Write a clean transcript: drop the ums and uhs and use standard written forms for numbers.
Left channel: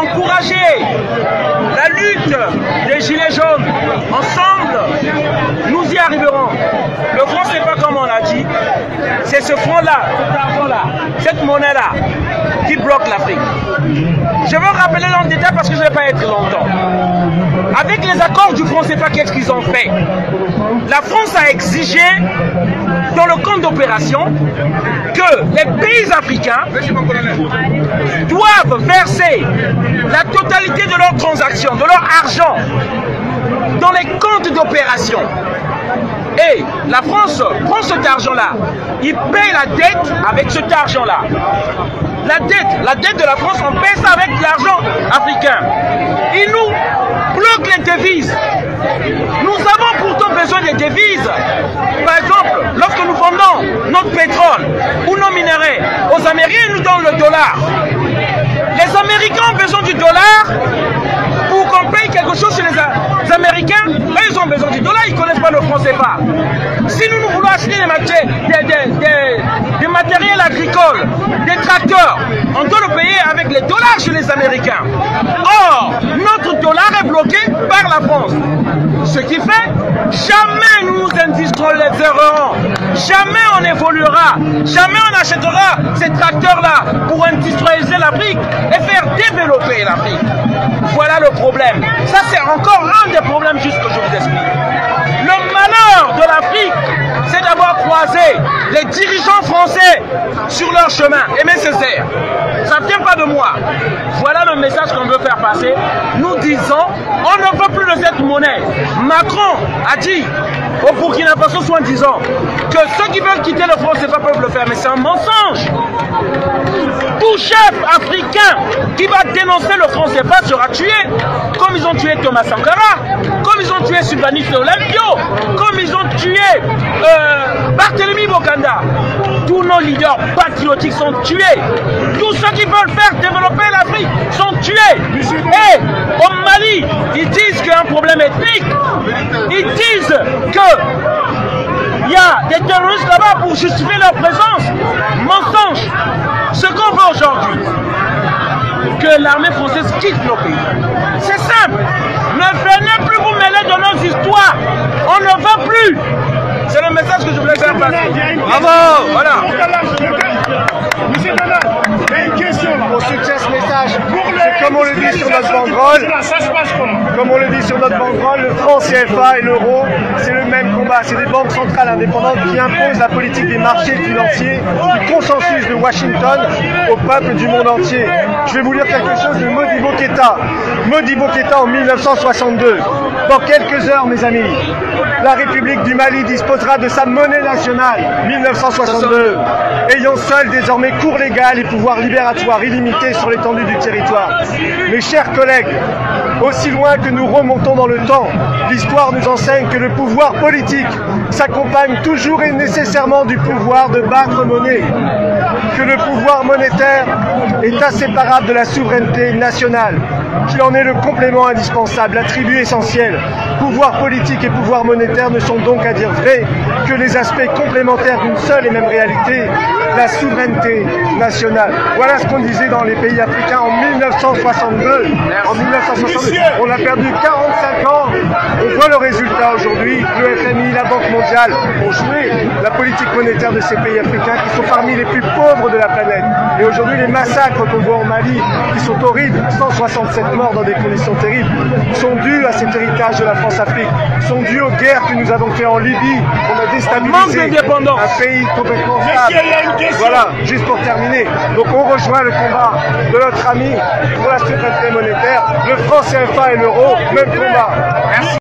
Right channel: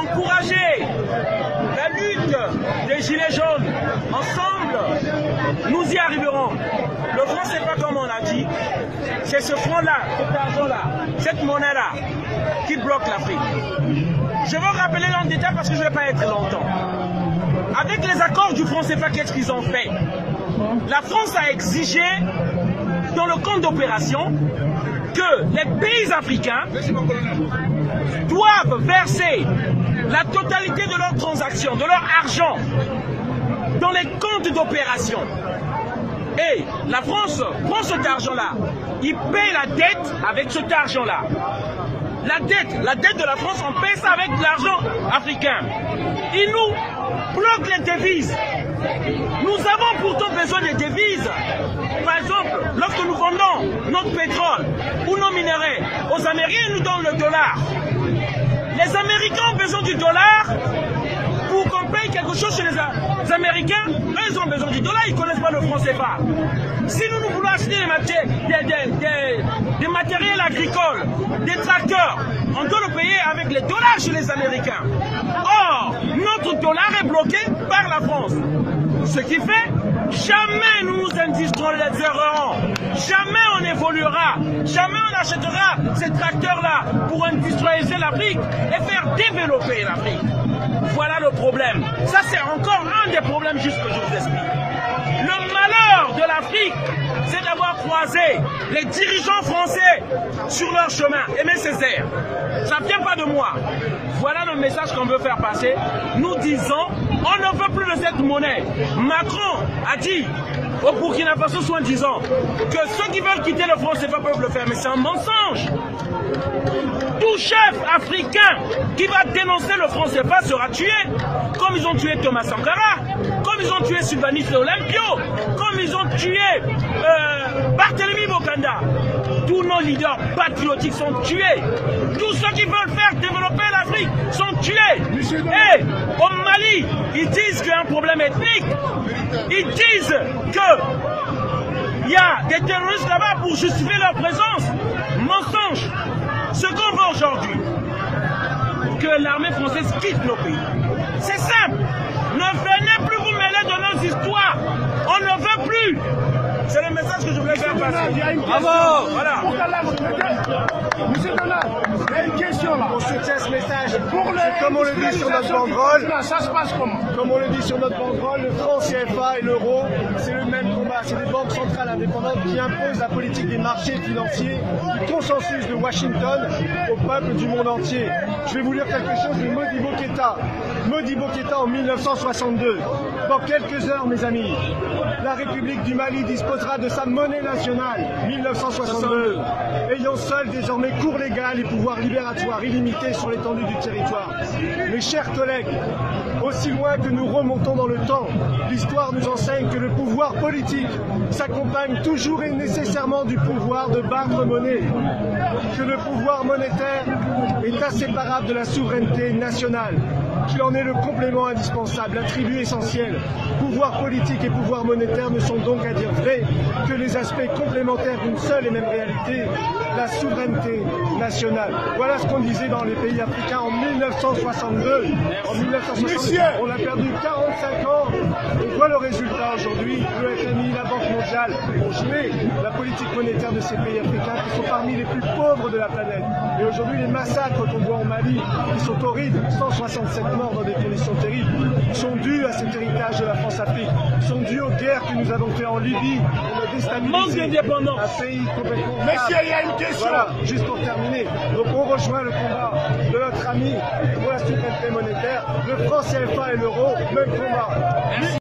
encourager la lutte des Gilets jaunes. Ensemble, nous y arriverons. Le franc CFA, comme on l'a dit, c'est ce franc-là, cette monnaie-là, qui bloque l'Afrique. Je vais rappeler dans le détail parce que je ne vais pas être longtemps. Avec les accords du franc CFA, qu'est-ce qu'ils ont fait? La France a exigé, dans le compte d'opération, que les pays africains doivent verser la totalité de leurs transactions, de leur argent, dans les comptes d'opération. Et la France prend cet argent-là, il paye la dette avec cet argent-là. La dette de la France, on paye ça avec de l'argent africain. Il nous bloque les devises. Nous avons pourtant besoin des devises. Par exemple, lorsque nous vendons notre pétrole ou nos minéraux aux Américains, ils nous donnent le dollar. Les Américains ont besoin du dollar pour qu'on paye quelque chose chez les Américains. Là, ils ont besoin du dollar, ils ne connaissent pas le franc CFA. Si nous voulons acheter des matériels agricoles, des tracteurs, on doit le payer avec les dollars chez les Américains. Or, notre dollar est bloqué par la France. Ce qui fait, jamais nous nous industrialiserons, jamais on évoluera, jamais on achètera ces tracteurs-là pour industrialiser l'Afrique et faire développer l'Afrique. Voilà le problème. Ça, c'est encore un des problèmes juste que je vous explique. Le malheur de l'Afrique, c'est d'avoir croisé les dirigeants français sur leur chemin. Aimé Césaire, ça ne vient pas de moi. Voilà le message qu'on veut faire passer. Nous disons, on ne veut plus de cette monnaie. Macron a dit au Burkina Faso, soi-disant, que ceux qui veulent quitter le franc CFA peuvent le faire. Mais c'est un mensonge. Tout chef africain qui va dénoncer le franc CFA sera tué, comme ils ont tué Thomas Sankara, comme ils ont tué Sylvanus Olympio, comme ils ont tué Barthélemy Bokanda. Tous nos leaders patriotiques sont tués. Tous ceux qui veulent faire développer l'Afrique sont tués. Et au Mali, ils disent qu'il y a un problème ethnique. Ils disent qu'il y a des terroristes là-bas pour justifier leur présence. Mensonge. Ce qu'on veut aujourd'hui, que l'armée française quitte nos pays. C'est simple. Ne venez plus vous mêler de nos histoires. On ne veut plus. C'est le message que je voulais faire passer. Bravo. Voilà. Monsieur Donald, il y a une question là. On soutient ce message. Comme on le dit sur notre banderole, comme on le dit sur notre banderole, le franc CFA et l'euro, c'est le même combat. C'est des banques centrales indépendantes qui imposent la politique des marchés financiers, du consensus de Washington au peuple du monde entier. Je vais vous lire quelque chose de Modibo Keïta. Modibo Keïta en 1962. Dans quelques heures, mes amis, la République du Mali disposera de sa monnaie nationale, 1962, ayant seule désormais cours légal et pouvoir libératoire illimité sur l'étendue du territoire. Mes chers collègues, aussi loin que nous remontons dans le temps, l'histoire nous enseigne que le pouvoir politique s'accompagne toujours et nécessairement du pouvoir de battre monnaie, que le pouvoir monétaire est inséparable de la souveraineté nationale, qu'il en est le complément indispensable, l'attribut essentiel. Pouvoir politique et pouvoir monétaire ne sont donc à dire vrai que les aspects complémentaires d'une seule et même réalité, la souveraineté nationale. Voilà ce qu'on disait dans les pays africains en 1962. En 1962, on a perdu 45 ans. On voit le résultat aujourd'hui. Le FMI, la Banque mondiale ont joué la politique monétaire de ces pays africains qui sont parmi les plus pauvres de la planète. Et aujourd'hui, les massacres qu'on voit en Mali, qui sont horribles, 167 morts dans des conditions terribles, sont dus à cet héritage de la France-Afrique, sont dus aux guerres que nous avons fait en Libye. On a déstabilisé un pays complètement stable. Voilà, juste pour terminer. Donc on rejoint le combat de notre ami pour la souveraineté monétaire, le franc CFA et l'euro, même combat. Merci.